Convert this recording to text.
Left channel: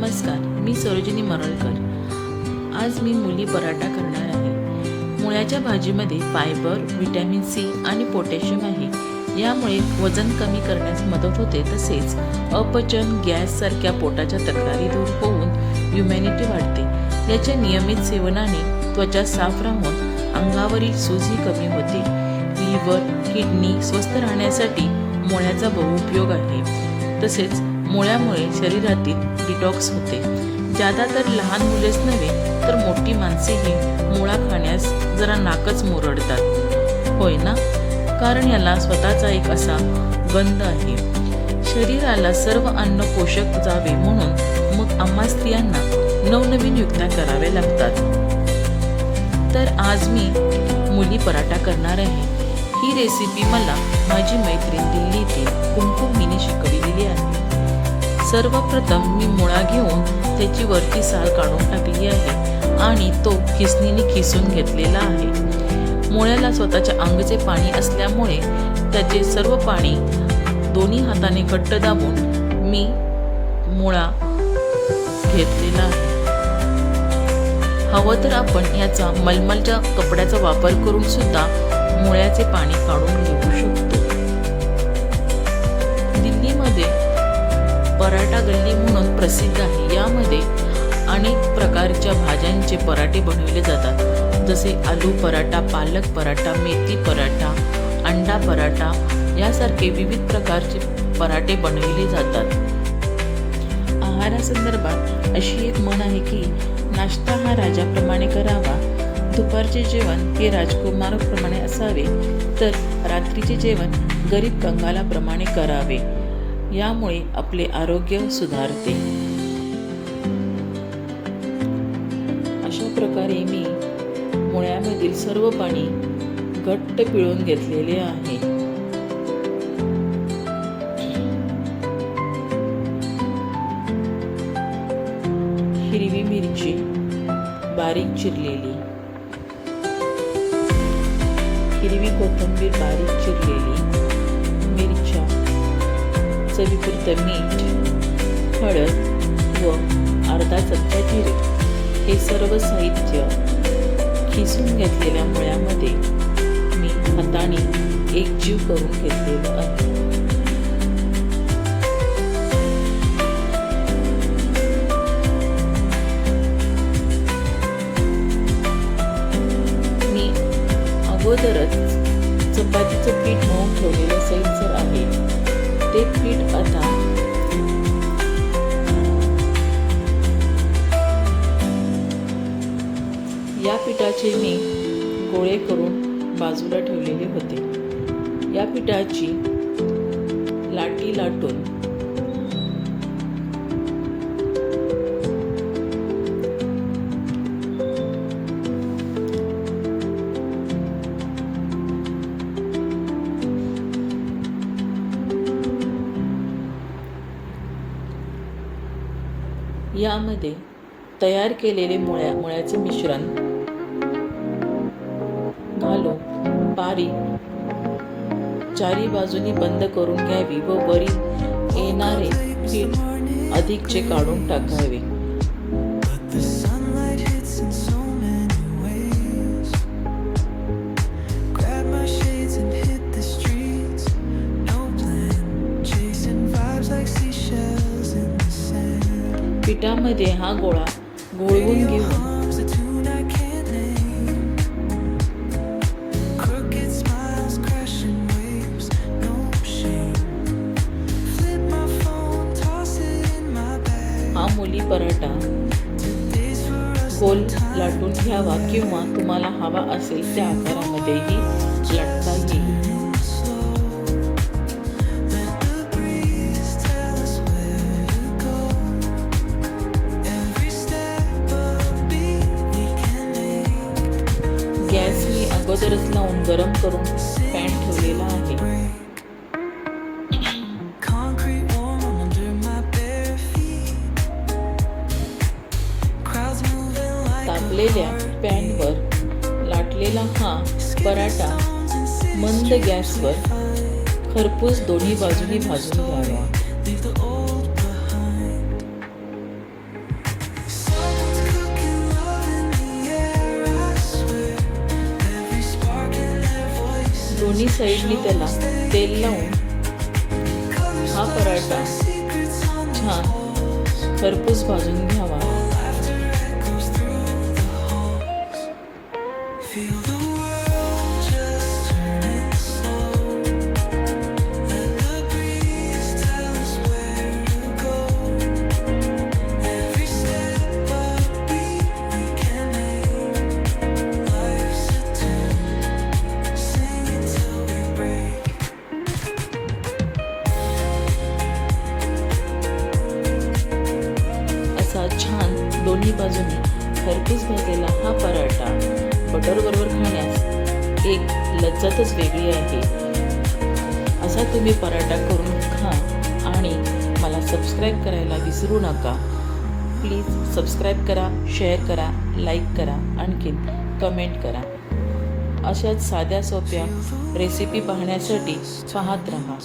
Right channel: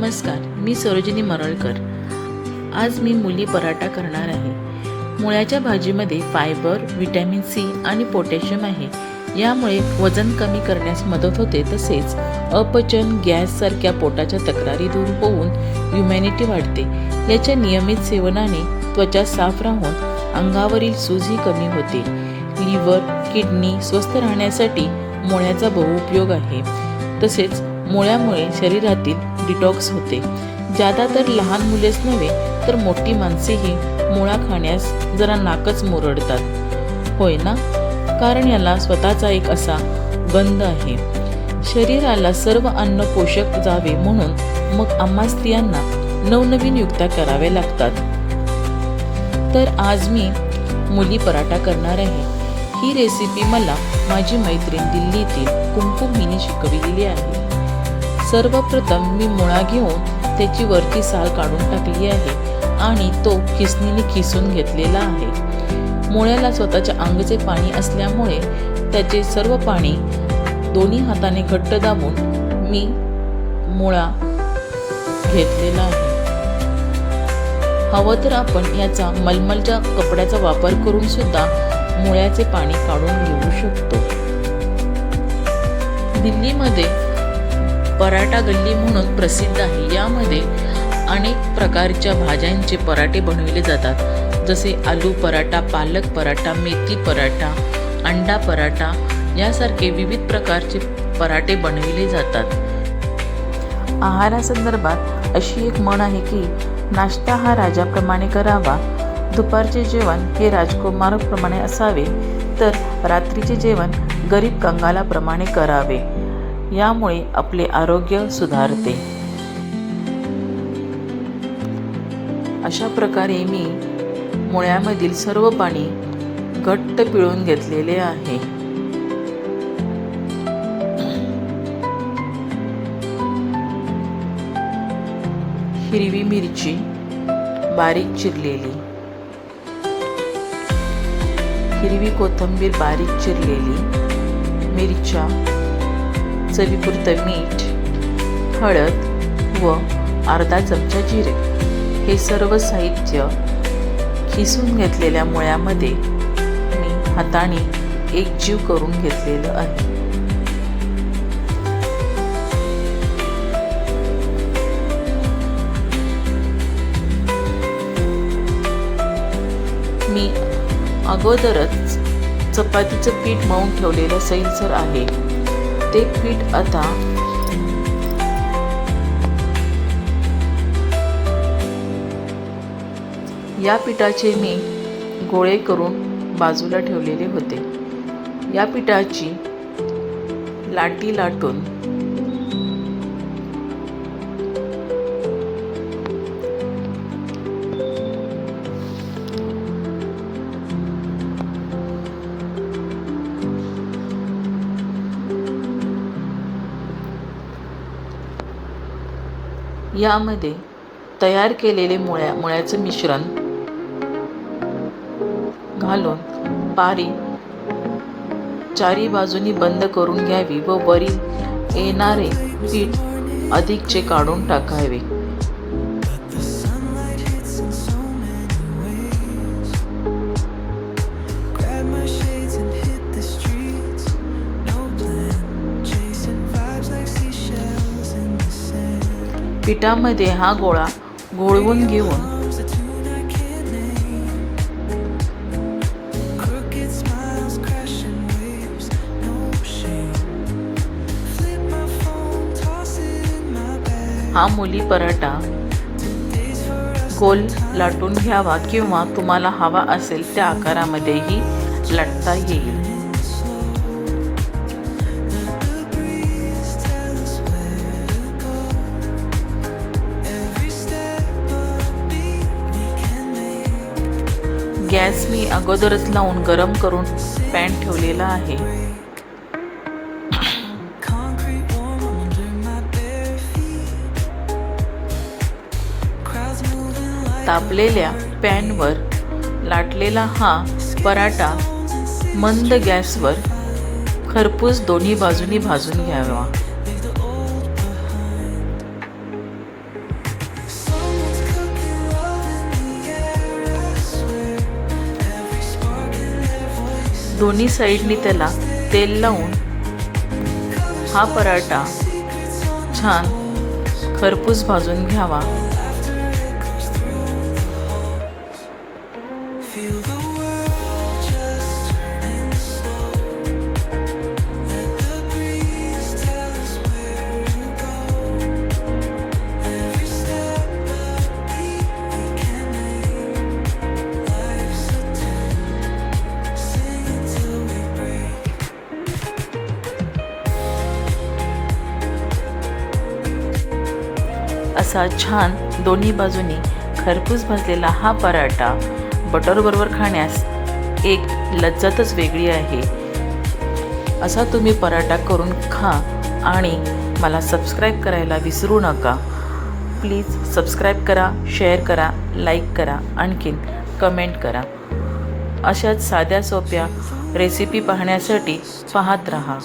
नमस्कार मी सरोजिनी मरळकर. आज मी मुली पराठा करणार आहे. मुळ्याच्या भाजीमध्ये फायबर व्हिटॅमिन सी आणि पोटॅशियम आहे. यामुळे वजन कमी करण्यास मदत होते तसेच अपचन गॅससारख्या पोटाच्या तक्रारी दूर होऊन ह्युमॅनिटी वाढते. याच्या नियमित सेवनाने त्वचा साफ राहून अंगावरील सूजी कमी होते. लिव्हर किडनी स्वस्थ राहण्यासाठी मुळ्याचा बहुउपयोग आहे. तसेच मुळ्यामुळे शरीरातील डिटॉक्स होते. ज्यादा तर लहान मुलेच नव्हे तर मोठी माणसेही मुळा खाण्यास जरा नाकच मुरडतात. होय ना? कारण याला स्वतःचा एक असा गंध आहे. शरीराला सर्व अन्न पोषक जावे म्हणून मग आम्हा स्त्रियांना नवनवीन युक्त्या कराव्या लागतात. तर आज मी मुली पराठा करणार आहे. ही रेसिपी मला माझी मैत्रीण दिल्लीतील कुमकुम हिने शिकविलेली आहे. सर्वप्रथम मी मुळा घेऊन त्याची वरची साल काढून टाकली आहे आणि तो खिसणीने खिसून घेतलेला आहे. मुळ्याला स्वतःच्या अंगचे पाणी असल्यामुळे त्याचे सर्व पाणी दोन्ही हाताने घट्ट दाबून मी मुळा घेतलेला आहे. हवं तर आपण याचा मलमलच्या कपड्याचा वापर करून सुद्धा मुळ्याचे पाणी काढून घेऊ शकतो. दिल्लीमध्ये पराठा गल्ली म्हणून प्रसिद्ध आहे. यामध्ये अनेक प्रकारच्या भाज्यांचे पराठे बनविले जातात. जसे आलू पराठा पालक पराठा मेथी पराठा अंडा पराठा यासारखे विविध प्रकारचे पराठे बनविले जातात. आहारासंदर्भात अशी एक म्हण आहे की नाश्ता हा राजाप्रमाणे करावा. दुपारचे जेवण हे राजकुमाराप्रमाणे असावे तर रात्रीचे जेवण गरीब कंगालाप्रमाणे करावे. यामुळे आपले आरोग्य सुधारते. अशा प्रकारे मी मुळ्यामधील सर्व पाणी घट्ट पिळून घेतलेले आहे. हिरवी मिरची बारीक चिरलेली. हिरवी कोथिंबीर बारीक चिरलेली. मिरच्या चवीपुरतं मीठ हळद व अर्धा चमचा जिरे हे सर्व साहित्य खिसून घेतलेल्या मुळ्यामध्ये मी हाताने एकजीव करून घेतलेलं आहे. मी अगोदरच चपातीचं पीठ मळून ठेवलेलं सैलसर आहे. ते पीठ आता. या पिठाचे मी गोळे करून बाजूला ठेवलेले होते. या पिठाची लाटी लाटून यामध्ये तयार केलेले मुळ्या मुळ्याचे मिश्रण घालून पारी चारी बाजूनी बंद करून घ्यावी व वरील येणारे पीठ अधिकचे काढून टाकावे. Toss it in my bag. हा मुली पराठा. गोल लाटून घ्यावा किंवा तुम्हाला हवा असेल त्या आकारामध्येही लाटता येईल मी अगोदरच लावून गरम करून पॅन ठेवलेला आहे. तापलेल्या पॅनवर लाटलेला हा पराठा मंद गॅसवर खरपूस दोन्ही बाजूनी भाजून घ्यावा. दोन्ही साईडनी त्याला तेल लावून हा पराठा छान खरपूस भाजून घ्यावा. असा छान दोन्ही बाजूनी खरपूस भाजलेला हा पराठा बटरबरोबर खाण्यास एक लज्जतच वेगळी आहे. असा तुम्ही पराठा करून खा आणि मला सबस्क्राईब करायला विसरू नका. प्लीज सबस्क्राईब करा शेअर करा लाईक करा आणखीन कमेंट करा. अशाच साध्या सोप्या रेसिपी पाहण्यासाठी पाहत रहा.